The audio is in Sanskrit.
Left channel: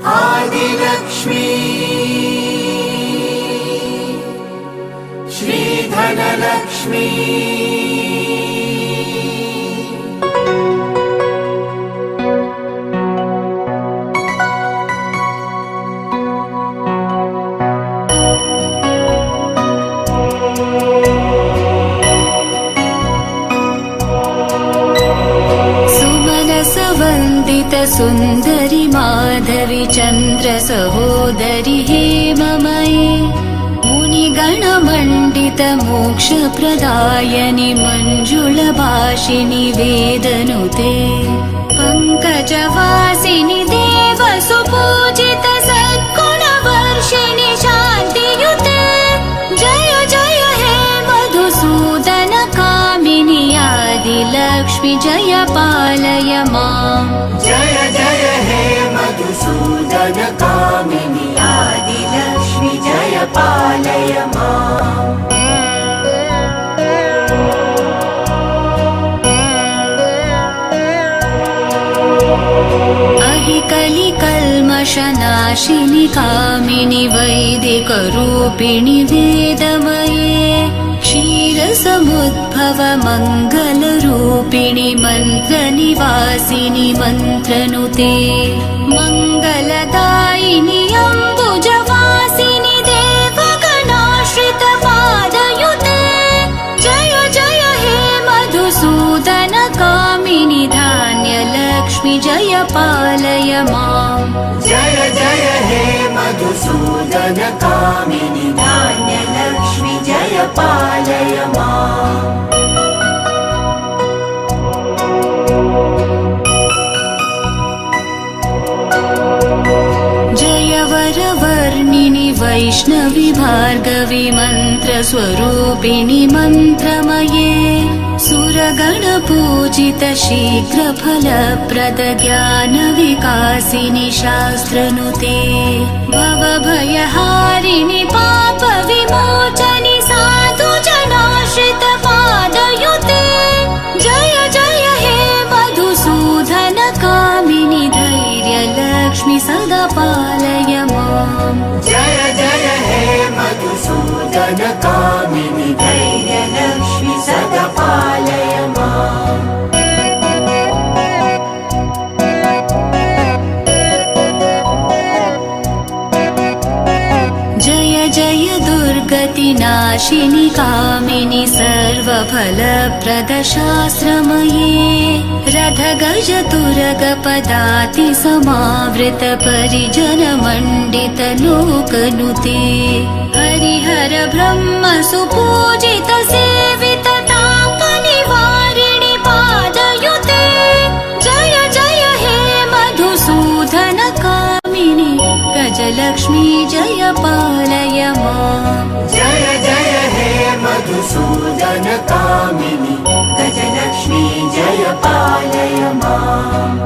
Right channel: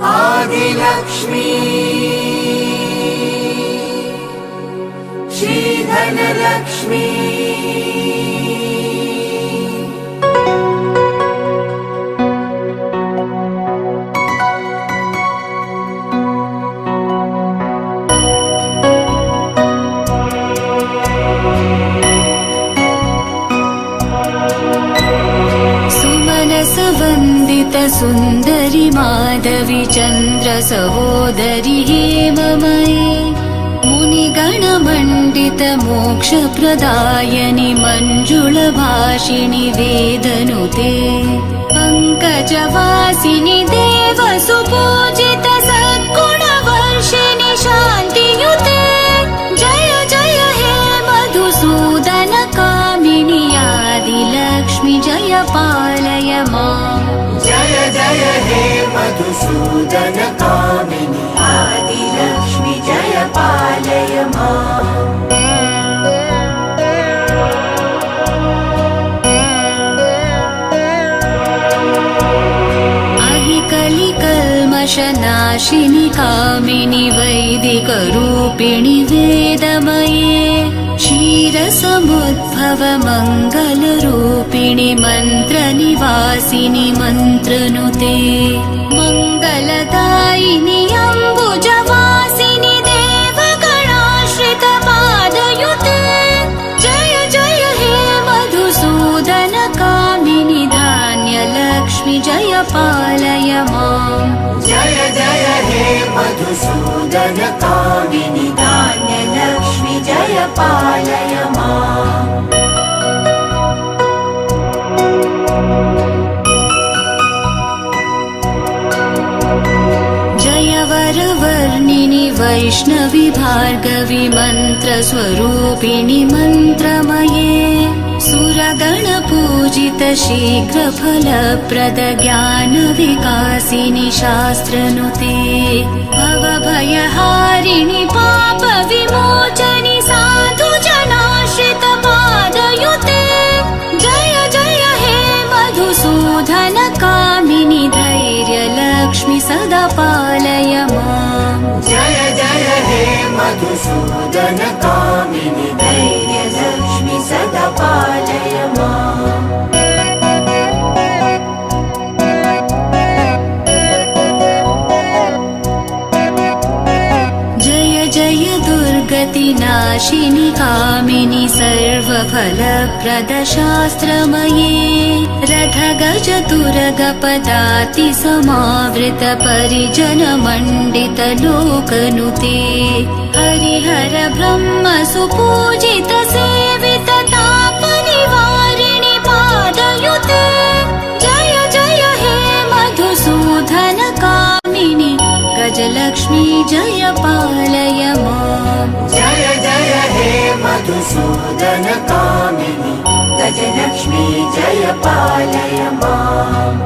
आदिलक्ष्मी श्रीधनलक्ष्मी सुन्दरि माधवी चन्द्र सहोदरि हेममयी मुनिगणमण्डित मोक्षप्रदायनि मञ्जुलभाषिणि वेदनुते पङ्कजवासिनि देवसुपूजित सद्गुणवर्षिणि शान्तियुते जय जय हे मधुसूदन कामिनि आदिलक्ष्मि जय पालय माम् जय जय हे मधुसूदन कामिनि आदिलक्ष्मि जय पालय माम् अहिकलिकल्मषनाशिनि कामिनि वैदिकरूपिणि वेदमये क्षीरसमुद्भव मङ्गलरूपिणि मन्त्रनिवासिनि मन्त्रनुते मङ्गलदायिनि अम्बुजवासिनि देवगणाश्रित पादयुते जय जय हे मधुसूदन कामिनि धान्यलक्ष्मि जय पालय माम् जय जय हे मधुसूदन कामिनि धान्यलक्ष्मि जय पालय माम् जय वरवर्णिनि वैष्णवि भार्गवि मन्त्रस्वरूपिणि मन्त्रमये सुरगणपूजित शीघ्रफलप्रद ज्ञानविकासिनि शास्त्रनुते भवभयहारिणि पापविमोचनि साधुजनाश्रित पादयुते जय जय हे मधुसूदन कामिनि धैर्यलक्ष्मि सदा पालय माम् जय जय हे मधुसूदन कामिनि धैर्यलक्ष्मि सदा पालय माम् जय जय दुर्गतिनाशिनि कामिनि सर्वफलप्रद शास्त्रमये रथगज तुरगपदाति समावृत परिजन मण्डित लोकनुते हरिहर ब्रह्म सुपूजित सेवित तापनिवारिणि पादयुते जय जय हे मधुसूदन कामिनि गजलक्ष्मी जय पालय माम् जय जय हे मधुसूदन कामिनि गजलक्ष्मी जय पालय माम्